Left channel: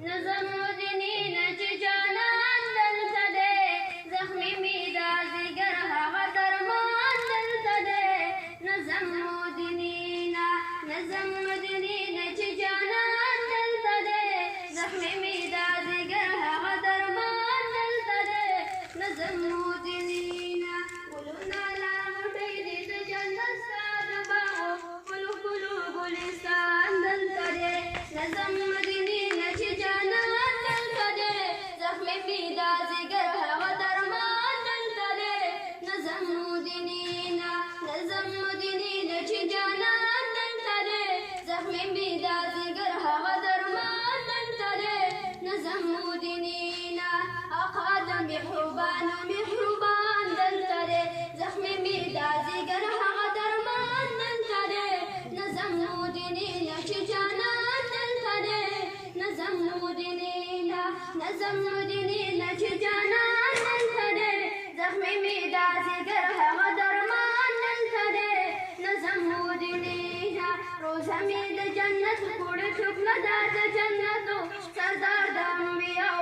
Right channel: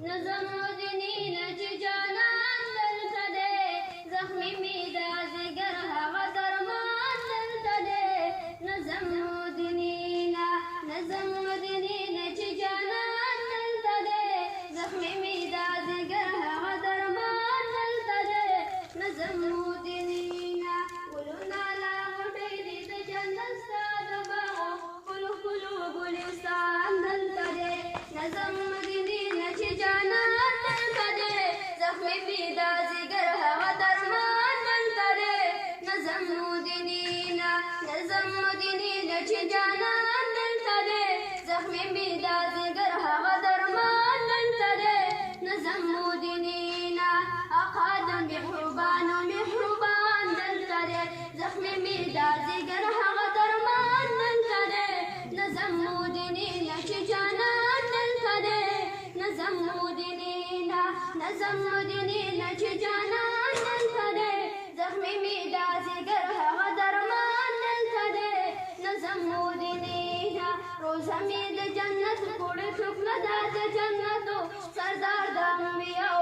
نظم ودینی نچ جانان دلته دی زخمی می دا زیګر هغه درمان دلته دی نظم ودینی نچ جانان دلته دی زخمی می دا زیګر هغه درمان دلته دی نظم ودینی ګلونه لا غټې دي د جنت ستا د باغو ګلو ګلو ګلستان دلته دی نظم ودینی نچ جانان دلته دی زخمی می دا زیګر هغه درمان دلته دی نظم ودینی نچ جانان دلته دی زخمی می دا زیګر هغه درمان دلته دی نظم ودینی آقا د محبوبانو محبوبان دلته دی زخمی می دا زیګر هغه درمان دلته دی نظم ودینی نچ جانان دلته دی نظم ودینی نچ جانان دلته دی زخمی می دا زیګر هغه درمان دلته دی نظم ودینی روزه می د جنت کوړه شکل دا د جنتو سردار د انبیاء